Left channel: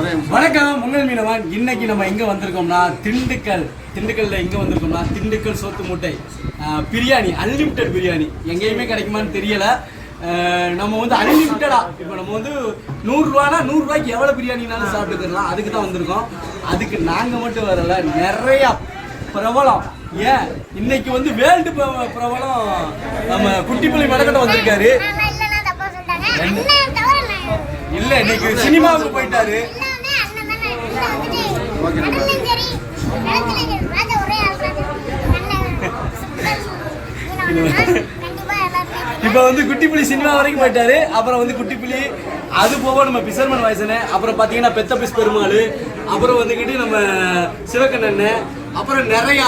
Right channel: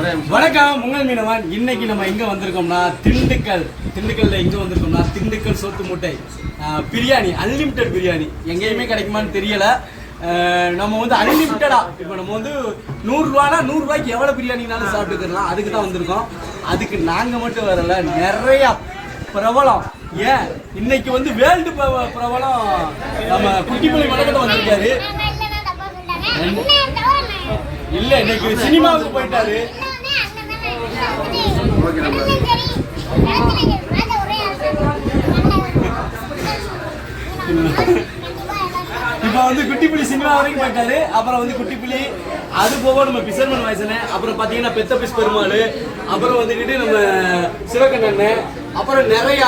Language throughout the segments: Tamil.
வணக்கம் உங்கள் மீனவன். இன்னைக்கு நம்ம எங்க வந்திருக்கோம்னா திண்டுக்கல்ல எங்க வந்திருக்கோம்னா திண்டுக்கல் சோத்து மூட்டை பிரியாணி, அன்லிமிட்டட் பிரியாணி. எங்கேயுமே கிடைக்குமான்னு தெரியல. நம்ம வந்து அன்லிமிட்டடா இப்போ நம்ம வந்து 100 ரூபானா 100 ரூபாய்க்கு எவ்வளவு பிரியாணினாலும் சாப்பிட்டுக்கலாம். அதுக்கு தான் வந்திருக்கோம். அதுக்கு நாங்க மட்டும் வரல, நிறைய பிரபலம். ஏன் இன்னைக்கு வந்து வேர்ல்டு பிரபலம் நம்ம குட்டிப்பள்ளி மடக்கட்ட வந்திருக்காரு. இல்ல இன்னைக்கு சினிமாவுக்கு போயிட்டாரு. இப்ப வந்து குட்டிப்புலி சினிமா வரைக்கும் போயிட்டாரு. அப்புறம் வந்து குட்டிப்புலி, அது போக நம்ம பிசர்மன் வயசன, அப்புறம் பாத்தீங்கன்னா பெத்த பிஸ் பெருமாள், அப்புறம் வந்துகிட்டு நம்ம சிவகண்ணன், அப்புறம் நிறைய,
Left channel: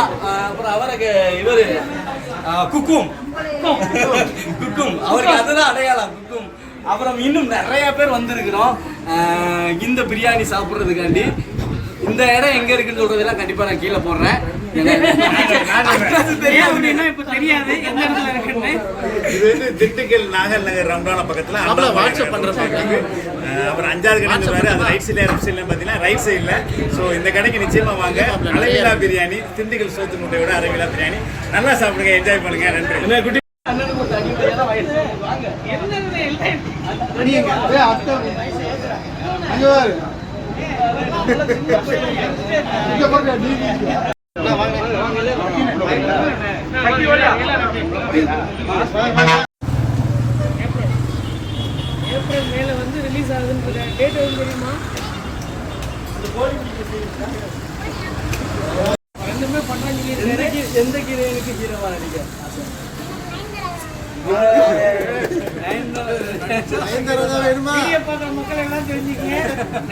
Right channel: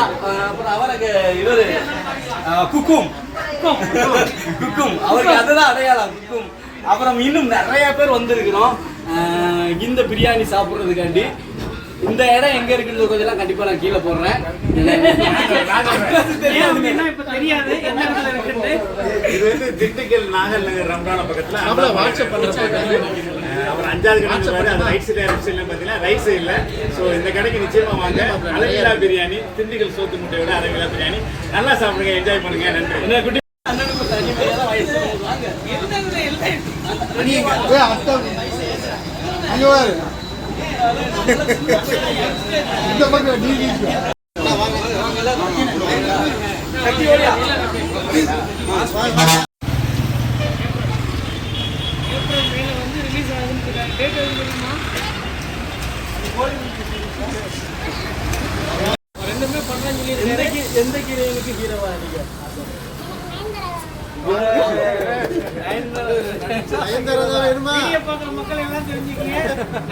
அப்புறம் அவருக்கு இவரு குக்கும் அவருக்கு அதுதான் அடையாளம் குக்கும். அப்புறம் இன்னும் நிறைய பேர் வந்திருக்கிறோம் இந்த பிரியாணி சாப்பிட்றதுக்காண்டி. இந்த இடம் எங்க இருக்குன்னு சொல்றதெல்லாம் கண்டிப்பா நான் கீழே போடுறேன். தெரியாது எந்த இடத்துல இருக்குன்னு. இது வந்து திண்டுக்கல் நாகல் நகர் ரம்ரான பக்கத்துல வாட்ஸ்அப் பண்றப்ப அப்புறம் 5வது கடை பாரு, அது ரைட் சைட்ல லெஃப்ட் சைட்ல பாத்தீங்கன்னா ரைட் சைட்ல. ஸோ இந்த கடைக்கு நிச்சயமா வாங்க. அளவிலா பிரியாணி, திண்டுக்கல் சோத்து முட்டையோட அளவிலா பிரியாணி. நல்லா சாப்பிடுங்க, என்ஜாய் பண்ணுங்க. நன்றி. ஏப்ரல் மேல வந்து ரிலீஸ் ஆகுதுன்னு டேட் எதுவும் தெரியுமா? ரெண்டுமே பண்றாங்க. எந்த ஹீரோயினுக்கு ஹீரோவா நடிக்க பாக்குற மக்கள் எல்லாம் தெரிஞ்சுக்கங்க.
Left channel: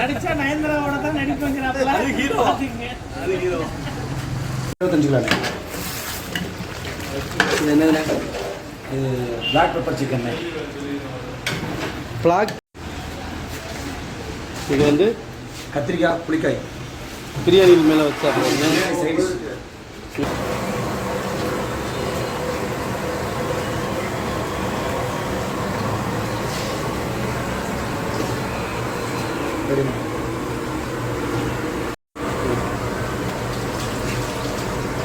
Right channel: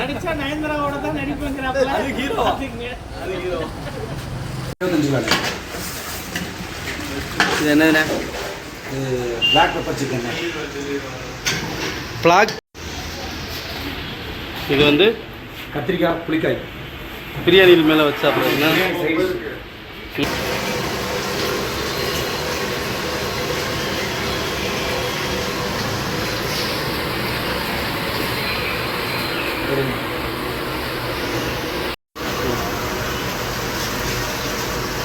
நடிச்சா நயன்தாராவோட தான் நடிப்புங்கிறாப்ல. அது ஹீரோ. இது என்னதுண்ணே? Black pepper chicken black. இது வந்து கத்திரிக்காய் புளிக்காய் பிரியாணியில் மேலே வச்சு சாப்பிட்றீங்கன்னா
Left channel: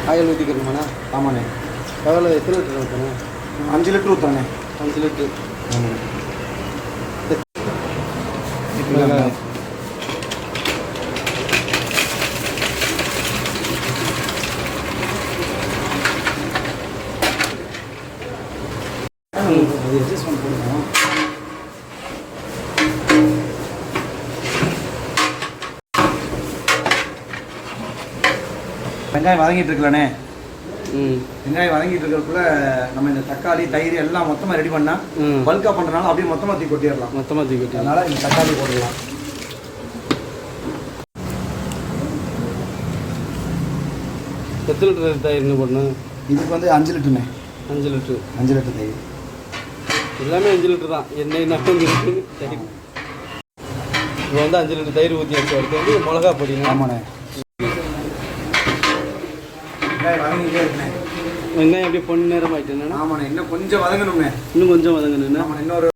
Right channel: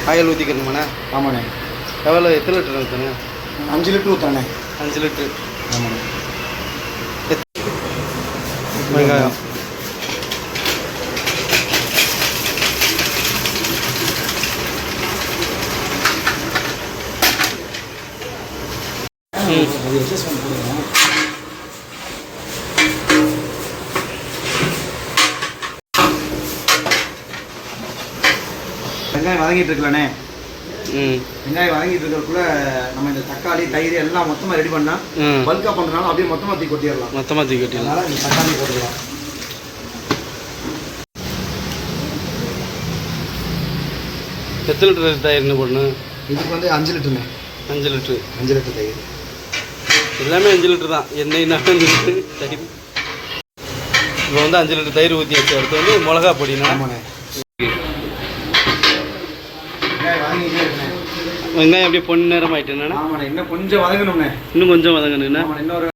ஆயில் ஊற்றிக்கணுமாண்ணே? ஆமாண்ணே. எவ்வளோ, எத்தனை லிட்டர் ஊற்றுண்ணே? 5 லிட்டர் ஊற்றானே. 5 லிட்டரு. ஆமாண்ணே. வெங்காயம் வெங்காயம் வதங்கிட்டு இருக்கலானே. வெங்காயம் வதங்கிட்டு இருக்கிறதுக்குள்ள நம்ம இந்த தக்காளி தயிர் எல்லாம் மொத்தமாக ரெடி பண்ணா பல்கா பண்ணுறதுனால அப்படியே மொத்தமாக தூக்கி கொட்டிடலாம். மொத்தமாக தூக்கி கொட்டிடலாம். அதனால இந்த தக்காளி போட்டுடலாம். எத்தனை லிட்டர் தயிர்னு போடணும்? இதுக்கு வந்து 5 லிட்டருண்ணே. 5 லிட்டரு. 5 லிட்டர் தயிர். எல்லாமே 5 லிட்டர் தான். எண்ணெய் 5 லிட்டரு தயிர். இப்போ வந்து 5 லிட்டர் தயிர் ஊற்றி வச்சு அடுத்து வந்து மிளகா பொடினா. ஆமாண்ணே. வெங்காயம் அப்படியே பொண்ணு நேரம் ஆயிட்டுண்ணா. ஆமாண்ணே. இன்னும் கொஞ்சம் வதங்கணுங்க. இன்னும் கொஞ்சம் வதங்கணுண்ணா. இன்னொரு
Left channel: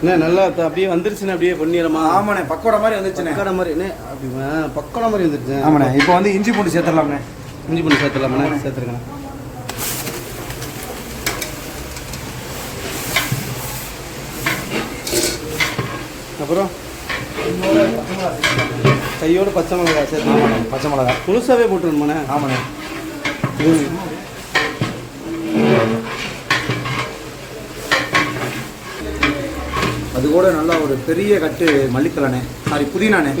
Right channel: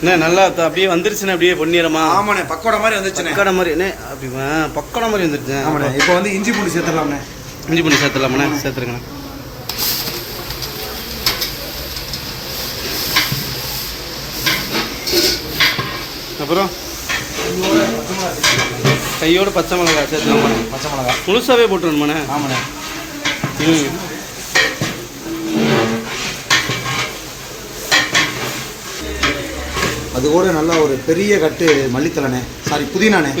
என்ன நல்லா அப்படியே வந்துருச்சுண்ணே, அப்படியே பொன்னிறமா. ஆமாண்ணே. பக்கோடா மாதிரி வந்துருச்சுண்ணே. பக்கோடா மாதிரி என்ன அப்படி பக்கோடா மாதிரி வந்துருச்சு. ஆமாண்ணே. இப்போ வந்து இஞ்சி பூண்டு சேர்த்துடலாம்ண்ணே. இஞ்சி பூண்டு சேர்த்துடலாமாண்ணே? சேர்த்துருங்கண்ணே. அப்புறம் கையோடு பச்சை மிளகா சேர்த்துருங்க. பச்சை மிளகா முழுசாவே போட்டுருணுமாண்ணே? ஆமாண்ணே. அது கூட நல்லா ஒரு பெரிய கட்டு மல்லித்தலைண்ணே, சாரி புதினாண்ணே.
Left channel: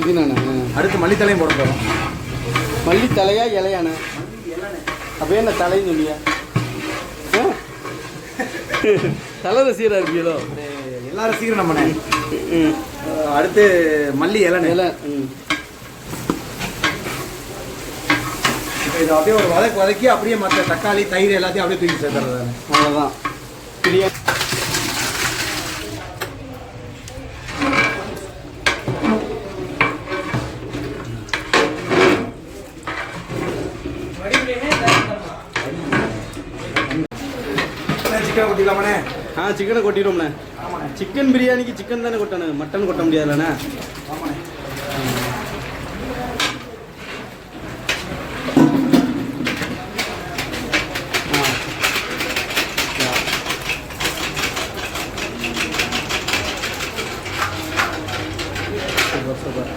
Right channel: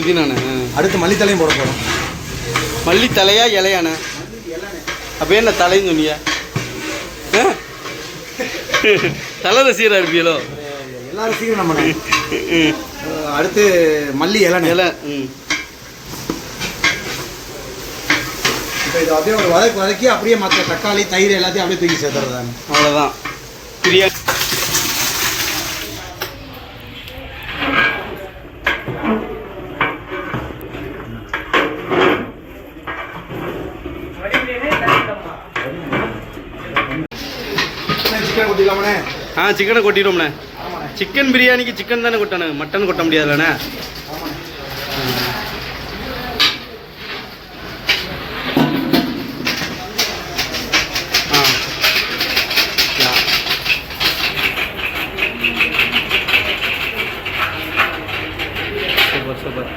அடுத்து மல்லித்தலையும் போட போகிறோம். மல்லித்தலையா இலையாண்ணே? அப்போ என்ன தலைன்னு சொன்னியா? தலை ரசிகராக இருப்பீங்களோ? எல்லா ரசிகரும் நம்மண்ணே. அடுத்து மல்லி இலை. இப்போ இது அப்படியே ஒரு வதக்கி அப்படியே மற்ற தக்காளி தயிர் எல்லாத்தையும் அப்படியே தூக்கி சேர்த்துறதாங்க. அவ்வளோதான் பிரியாணி. சிக்கன் கொட்டிடலாமண்ணே? சிக்கனை கொட்டிடுவோம்ண்ணே. ஆமாண்ணே. சிக்கன் பிரியாணிக்கு சிக்கன் தானே கொட்டணும், மட்டன் கொட்ட முடியாதுல்லண்ணே. Super super.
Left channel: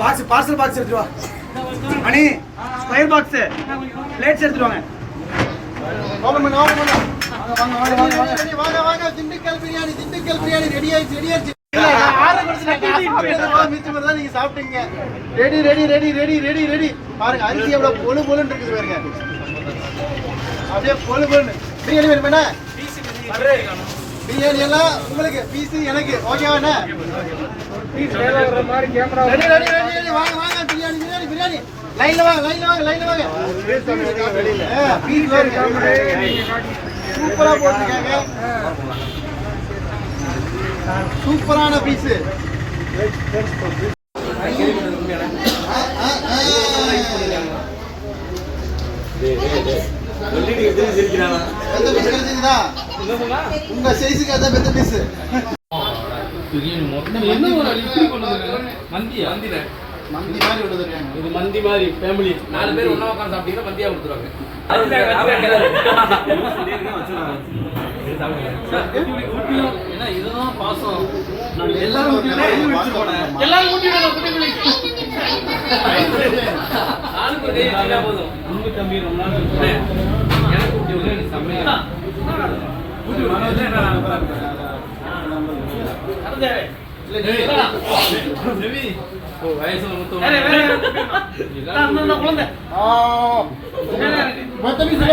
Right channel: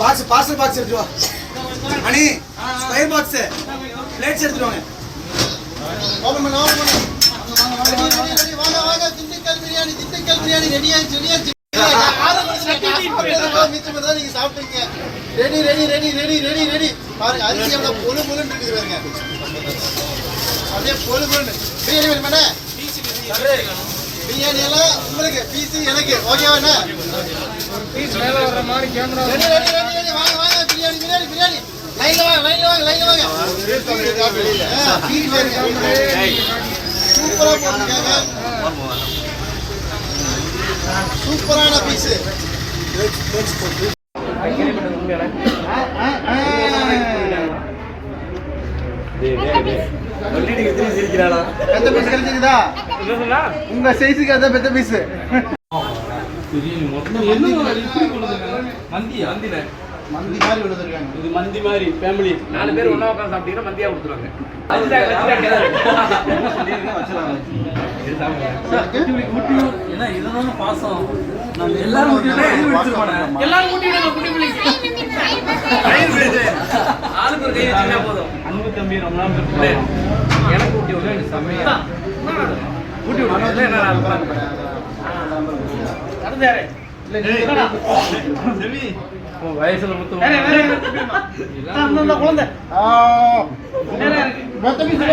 பார்சல் பாக்ஸ் எடுத்துட்டு வா அனி, ஸ்கொயர் பாக்ஸ் பிளேட்ஸ் எடுத்துட்டு வாங்க. ஓபன் பண்ணு, ஓபன் பண்ணு. வாங்க வாங்க. திண்டுக்கல் பிரியாணி ரெடி ஆயிடுச்சு. நீங்க சாப்பிட்டீங்க. ரெடி பாருங்க. அரிசி எவ்வளவு பொழு பொழுன்னு இருக்குது பாருங்க. அப்படியே பொழு பொழுன்னு. பிரியாணி வேணுமே? பிரியாணி எல்லாம் உங்களுக்கு, பீஸ் எனக்கு. ஓகேவா? ரெடி. வாங்க. பிரியாணி லைன்ல வாங்க. சூப்பரா போட்டுருக்காங்க. சூப்பரான பீஸ். எந்த பீஸ் கிடைச்சிருக்குதா? உங்க சைஸுக்கு அதான் பெத்த பீஸ். மந்தி மாதிரி கொடுத்துருக்காங்க. இது மந்தி மாதிரி ஃபேமிலி 4 பேர் ஒண்ணா உட்கார்ந்து சாப்பிட்டீங்கன்னா மந்தியா கொடுத்துருவாங்க. ஏன்னா இதுதான் பாசம். எல்லாரும் போதும். அன்பு தம்பி ரொம்ப நாள் எனக்கு ஊட்டி விட நீ சமையா ஊட்டி விட வயசுல முத்து குழந்தை பத்து பீஸ்